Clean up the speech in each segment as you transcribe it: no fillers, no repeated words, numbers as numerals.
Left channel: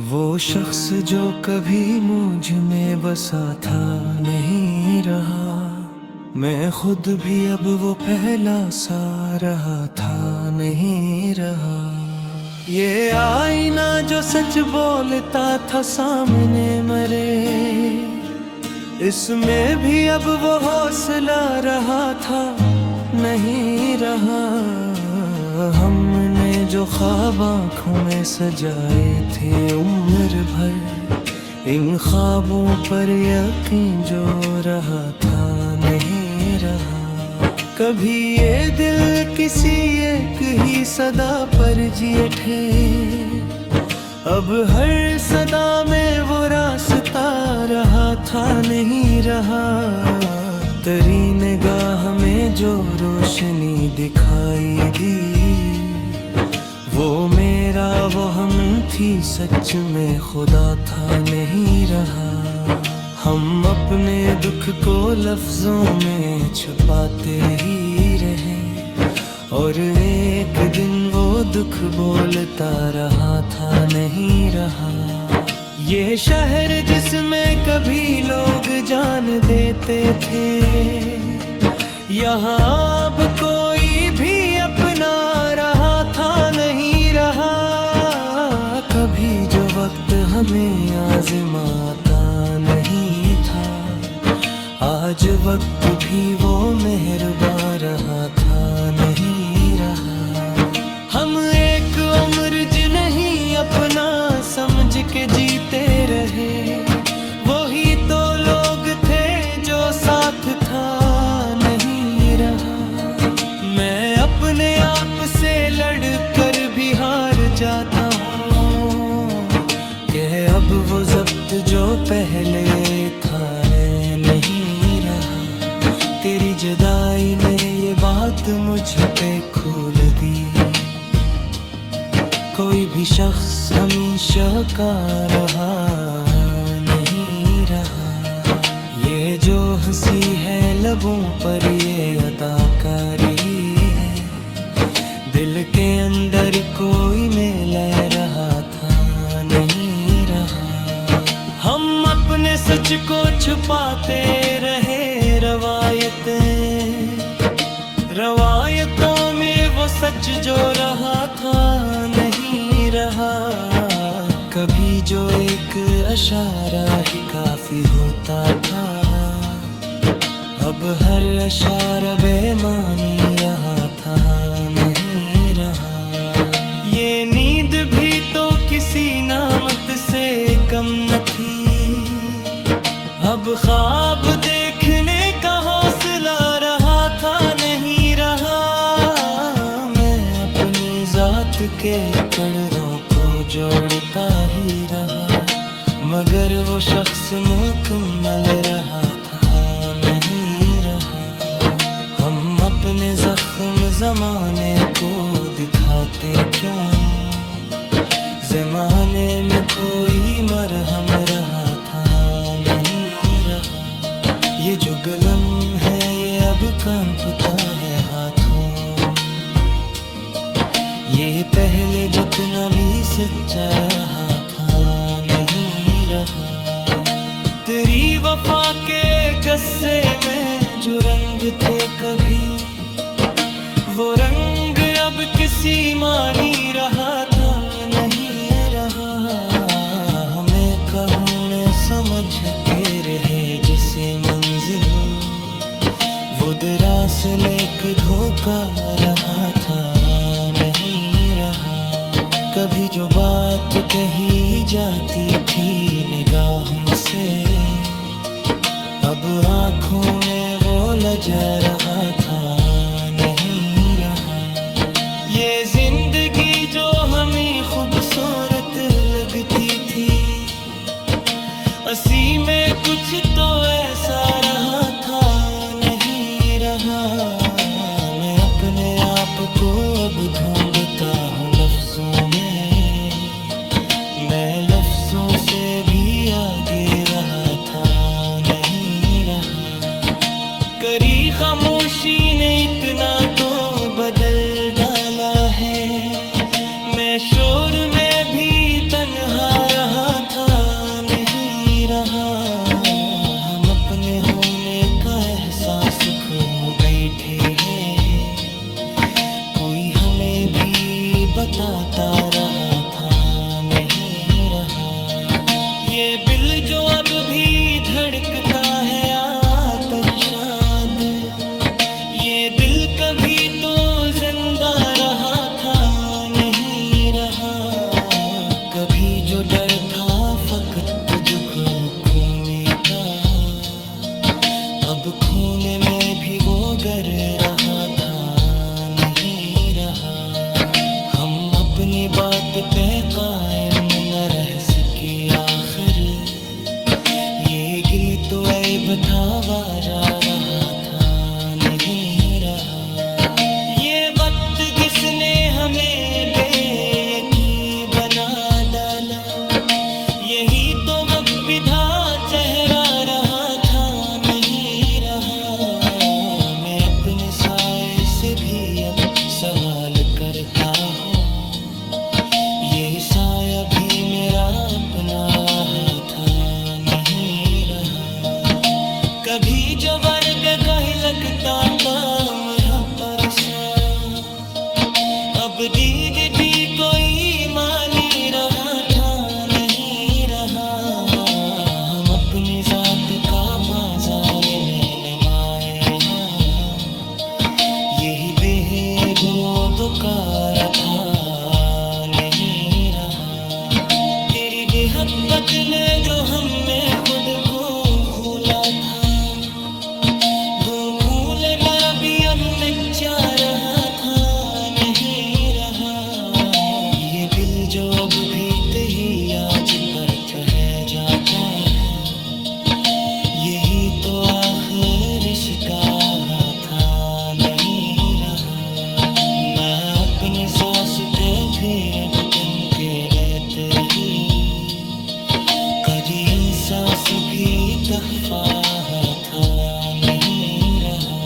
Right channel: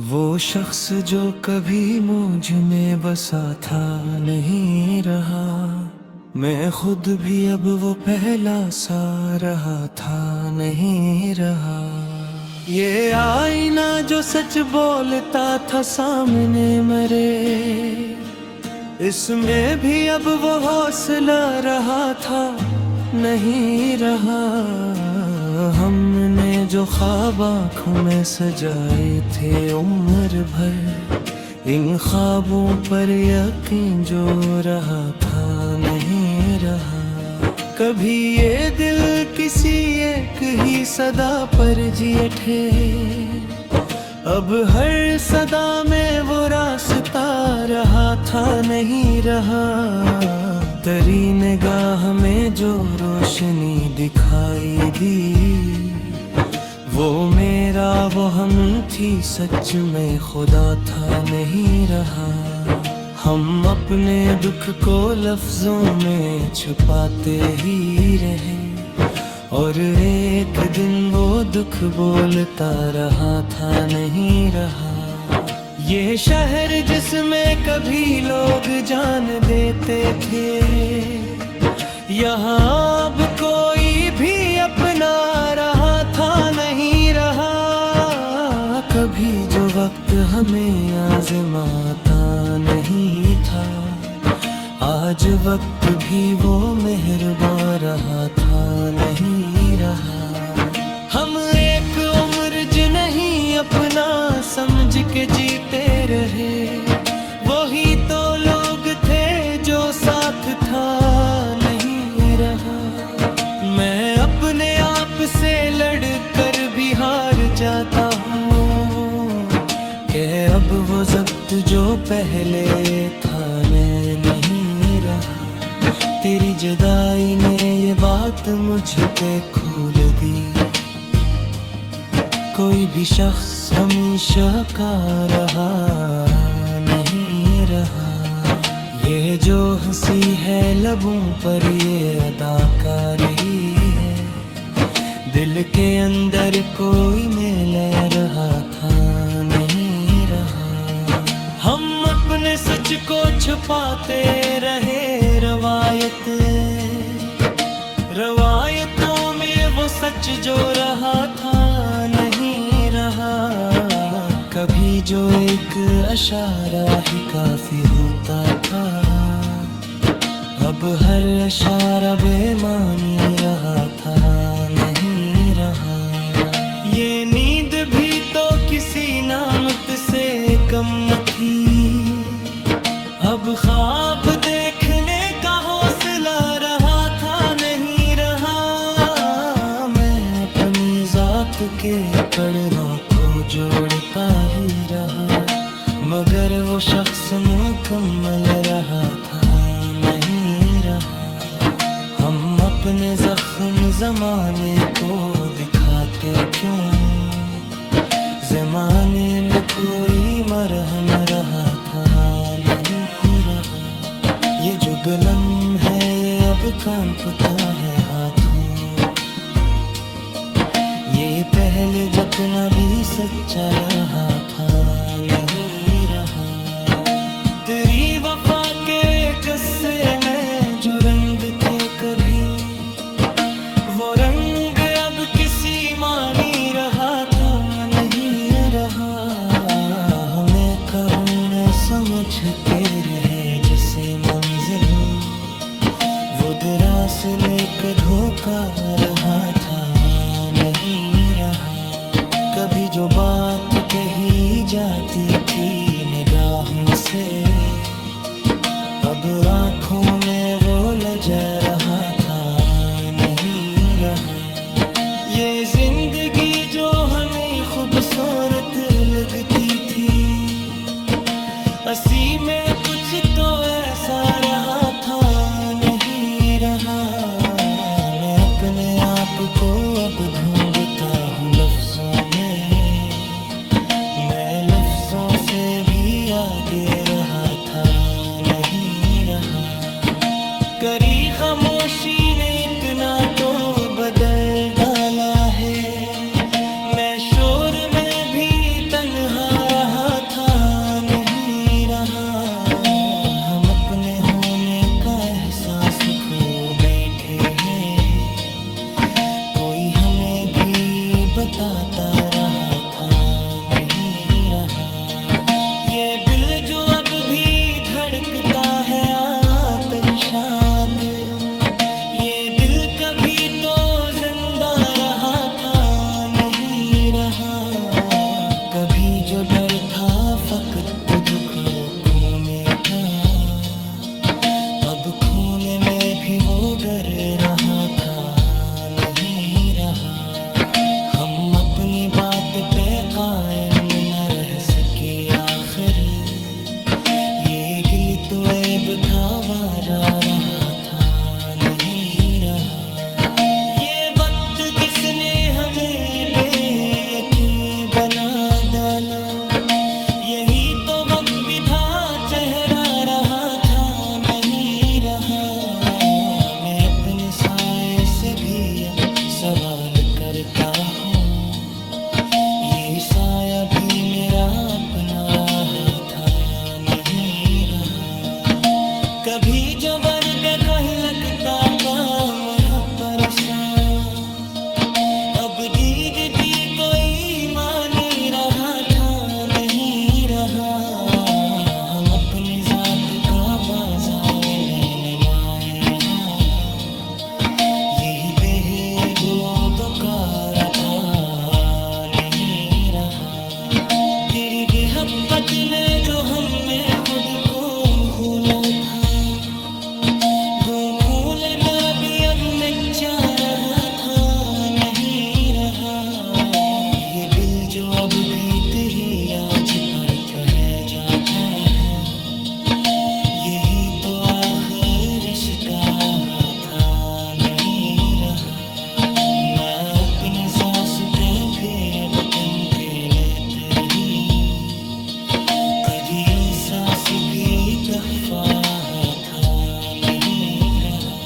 वो शख्स जो कभी मुझ में बसा था नहीं रहा, मैं खुद भी अब वो पहला सा रहा था नहीं रहा। ये आईना जो सच बोलता था सामने मरे, इसमें भी अब वो हौसला रहा था नहीं रहा। हमने जो ख्वाब आँखों में सजाए थे उम्र भर, इन ख्वाबों पर यकीन जो रहा था नहीं रहा। कभी ये दिल किसी एक ही सदा पर जिए थे, अब हर सदा में वो रास्ता रहा था नहीं रहा। तेरी निगाह में जो रोशनी दिखाई दी, वो मेरा वो हम थी, सच में खुदा था नहीं रहा। हम अपने दुख को लफ्जों में छुपाते ही रहे, और एक दिन वो दुख बोलता रहा था नहीं रहा। ये शहर जिसमें कभी लोग जान देते थे, यहाँ अब कोई भी अपना रहा था नहीं रहा। कभी जो वक्त हमें आज़माता नहीं था, आज वक्त भी वो मेहरबान रहा था नहीं रहा। हम एक उम्र नहीं अपना समझ के जीते रहे, वही तो लोग थे जो साथ था नहीं रहा। मैं अपने आप से लड़ कर भी हार जाता हूँ, कि अब वो ज़ब्त जो पहले था मैं नहीं रहा। तेरी जुदाई ने ये बात मुझ पे खोल दी, कोई भी शख्स हमेशा का रहा नहीं रहा। ये जो हंसी है लबों पर ये अदाकारी है, दिल के अंदर कोई मेल रहा था नहीं रहा। हम अपने सच को छुपाते रहे, रवायतों में वो सच जो रहा था नहीं रहा। कभी जो एक इशारा ही काफी होता था, अब हर इशारा बेमानी रहा था नहीं रहा। ये नींद भी तो किसी नामत से कम न थी, अब ख्वाब देखने का हौसला रहा था नहीं रहा। मैं अपनी जात के कड़ों को जोड़ता ही रहा, मगर वो शख्स मुकम्मल रहा था नहीं रहा। हम अपने जख्म जमाने को दिखाते क्यों, जमाने में कोई मरहम रहा था नहीं रहा। ये जो गलम है ये अब कांपता है हाथों, ये पहले जितना भी सच्चा रहा था नहीं रहा। तेरी वफा के गस्से में जो रंग थे कभी, वो रंग अब किसी मानी रहा था नहीं रहा। हमें कहूँ न समझ के रहे जैसे मंजिल, वो दरअसल एक धोखा रहा था नहीं रहा। कभी जो बात कही जाती थी निगाहों से, अब आँखों में वो लजा रहा था नहीं रहा। ये जिंदगी जो हमें खूबसूरत लगती थी, असी में कुछ तो ऐसा रहा था नहीं रहा। मैं अपने आप को अब ढूंढता हूँ लफ्जों में, मैं लफ्जों से भी आगे रहा था नहीं रहा। करी खामोशी ने इतना तो बदल डाला है, मैं शोर में भी तन्हा रहा खो बैठे हैं, कोई हमें भी बताता रहा था नहीं रहा। ये दिल जो अब भी धड़कता है आतिशाद, ये दिल कभी तो जिंदा रहा था नहीं रहा। कभी जो डर था फकत तुझको खोने का, अब खोने में भी वो गर रहा था नहीं रहा। हम अपनी बात पे कायम न रह सके आखिर, ये गिल तो ऐब था वारा रहा था नहीं रहा। ये वक्त किसने हमें बेयकीन बना डाला, यही तो वक्त विधा चेहरा रहा था नहीं रहा। मैं अपने साए से भी अब सवाल करता हूँ, ये साया भी मेरा अपना रहा था नहीं रहा। कभी जो वर्द कहीं लगता काम है परसा, अब दीद भी कोई मानी रहा था नहीं रहा। हम अपनी जात का बाजार में नुमाए हाँ, यही बेगोदकार था नहीं रहा। तेरी बेहब्बत ने जो हम में खुद को भूला था, दो फूल मेरा भी अब में क्या रहा था नहीं रहा। ये दिल जो अब भी ही आज पर कह जाता है, यही तो आखिर रिश्ता था नहीं रहा। मैं अपने सांस पे भी बचन के लेते रही, कभी सांस भी तहफा था नहीं रहा।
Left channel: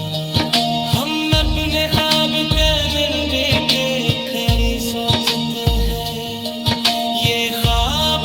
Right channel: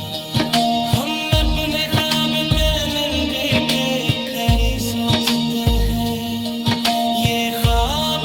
हम अपने ख्वाब के मिलने के खरे सोचते हैं, ये ख्वाब